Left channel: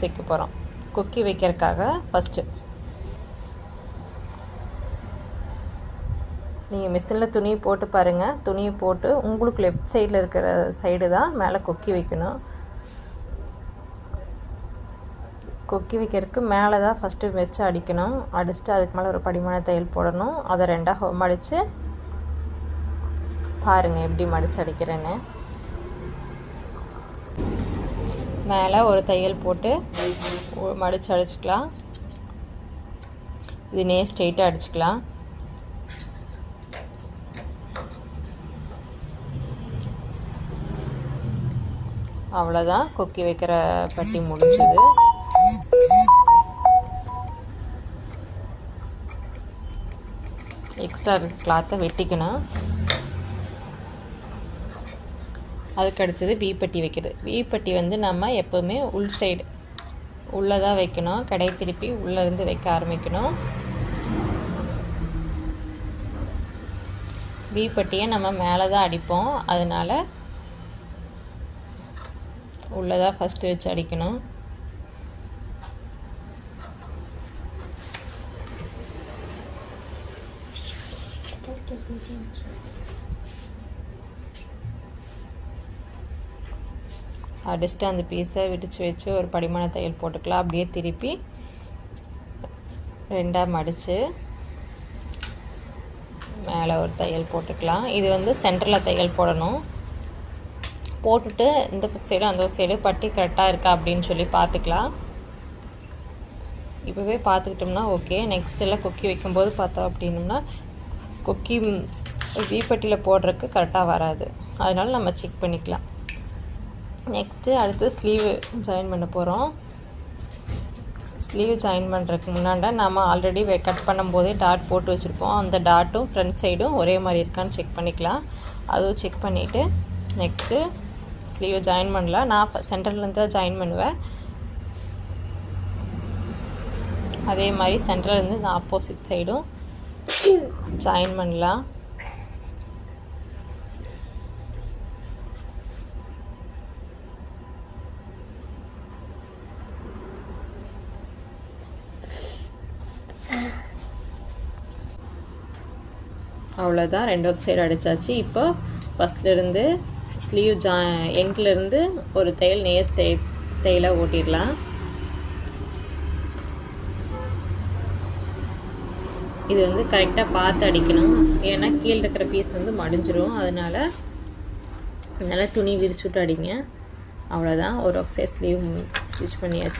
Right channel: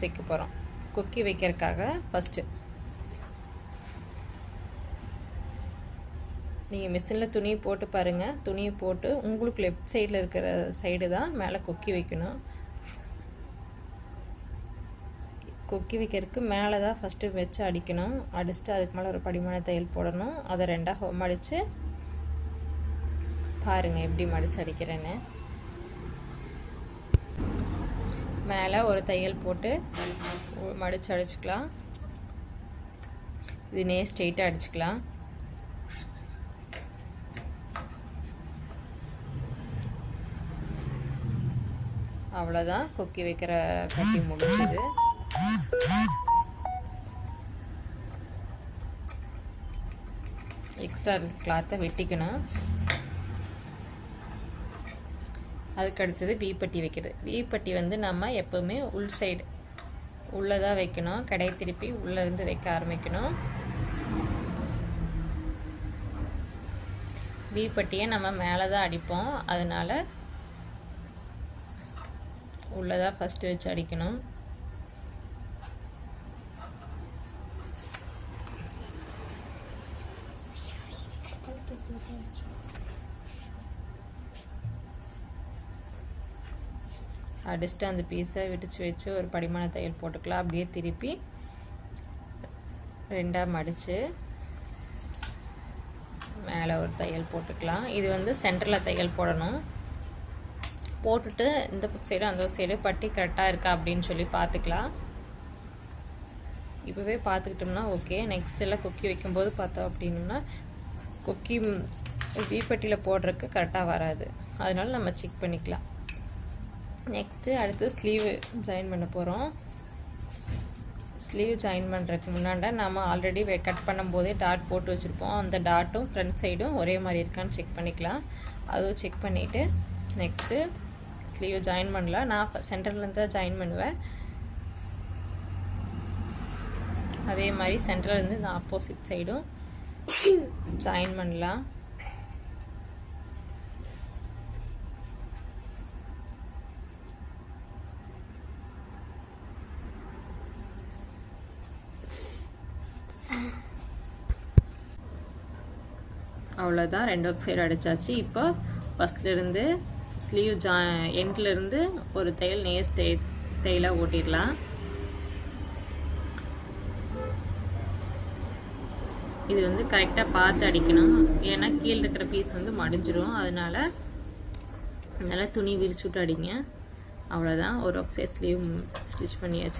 Hooks வைக்க போகிறோம். கொக்கி வைக்கிறதுக்காக ஃபஸ்ட்டு நீங்கள் மிஷினில் துணி போட்டு பாருங்கள். துணியை போட்டு உங்களுக்கு லெஃப்ட் சைடில் இருக்கிற சைடு தான் மேலே கொக்கி வைக்கணும். கொக்கி வைக்கிறதுக்கு மேலே தான் ஃபஸ்ட்டு வச்சு அடிக்கணும். அடிச்சுட்டு அதுக்கு மேலே ஒரு படிமான தையல் போடணும். அதை ரெண்டாக மடித்து பாருங்கள் எப்படி மடித்து அடிக்கிறேன்னு. மேலே ஒரு தையல் போட்டு மடித்து அடிச்சுக்கலாம். இது ஸ்ட்ரெயிட்டாக அடிச்சுக்கலாம். அவ்வளோதான், கொக்கி வைக்கிற பட்டி முடிஞ்சது. எக்ஸ்ட்ரா கிளாத்தை வெட்டிக்கணும். அதுக்கு அடுத்தது வீப்பட்டி வைக்கிறது. வீப்பட்டி வந்து நம்ம எப்போவுமே உள் சைடு உள்ளே தான் வைக்கணும். கடை திருப்பி உள்ளேருந்து வைக்க ஆரம்பிக்கணும். வீப்பட்டியை நம்ம மேலே தான் அடிப்போம், அதனால் உள்ளே தான் ஃபஸ்ட்டு வச்சு அடிக்கணும். அடிச்சுட்டு அந்த பீஸை விரித்து வச்சு ஒரு படிமான தையல் போட்டுக்கலாம். அப்படியே திருப்பி ரெண்டாக மடித்து மேலே ஒரு தையல் போட்டுக்கலாம். இது வந்து சென்டரில் தையல் போடணும். போட்டுட்டு இந்த சைடு அந்த சைடு பட்டி கரெக்டாக இருக்கா அப்படின்னு சொல்லி பார்த்துக்கலாம். இப்போவே பார்த்துக்கிட்டோம்னா ஓகே. நெக்ஸ்ட் எல்லாம் கொக்கி வைக்கும்போது பார்த்தோம் அப்படின்னோம்னா கொக்கி வீப்பட்டியில் போடுறதுக்கு கரெக்டாக வராது. அதனால் நம்ம செக் பண்ணிக்கலாம். நெக்ஸ்ட்டு அடுத்து ஸ்லீவு ஜாயின் பண்ண போகிறோம். ஸ்லீவ் ஜாயின் பண்ணுறதுக்கு முன்னாடி நம்ம ஆல்ரெடி கட் பண்ணும்போதே டாட் போட்டு வச்சுருப்போம். அந்த டாட்டும் ஃப்ரண்ட் சைடும் ஒரே மாதிரி இருக்கான்னு செக் பண்ணிக்கலாம். அதுவும் செக் பண்ணிவிட்டு நெக்ஸ்ட்டு ஸ்லீவை ஜாயின் பண்ணலாம். நான் சென்டர்லேருந்து தான் ஜாயின் பண்ணுவேன். அதே மாதிரி சென்டர்லேருந்து இந்த ஆப்போசிட் சைடும் ஜாயின் பண்ணலாம். அவ்வளோதான், ரெண்டு சைடு அடித்தாச்சு. இப்போ ஃபஸ்ட்லேருந்து ஸ்லீவ் எண்ட்லேருந்து ஒரு தையல் தையலாக ஓட்டிடலாம். இது வந்து கரெக்டாக பார்த்து அடிக்கணும். ஏன்னா கீழே இருக்கிற பீஸ் வந்து மடிஞ்சிரும். அதனால் நல்லா துணி விரிச்சுட்டு அடிங்க. அவ்வளோதான், ஒரு சைடு ஸ்லீவ் ஸ்டிச் பண்ணியாச்சு.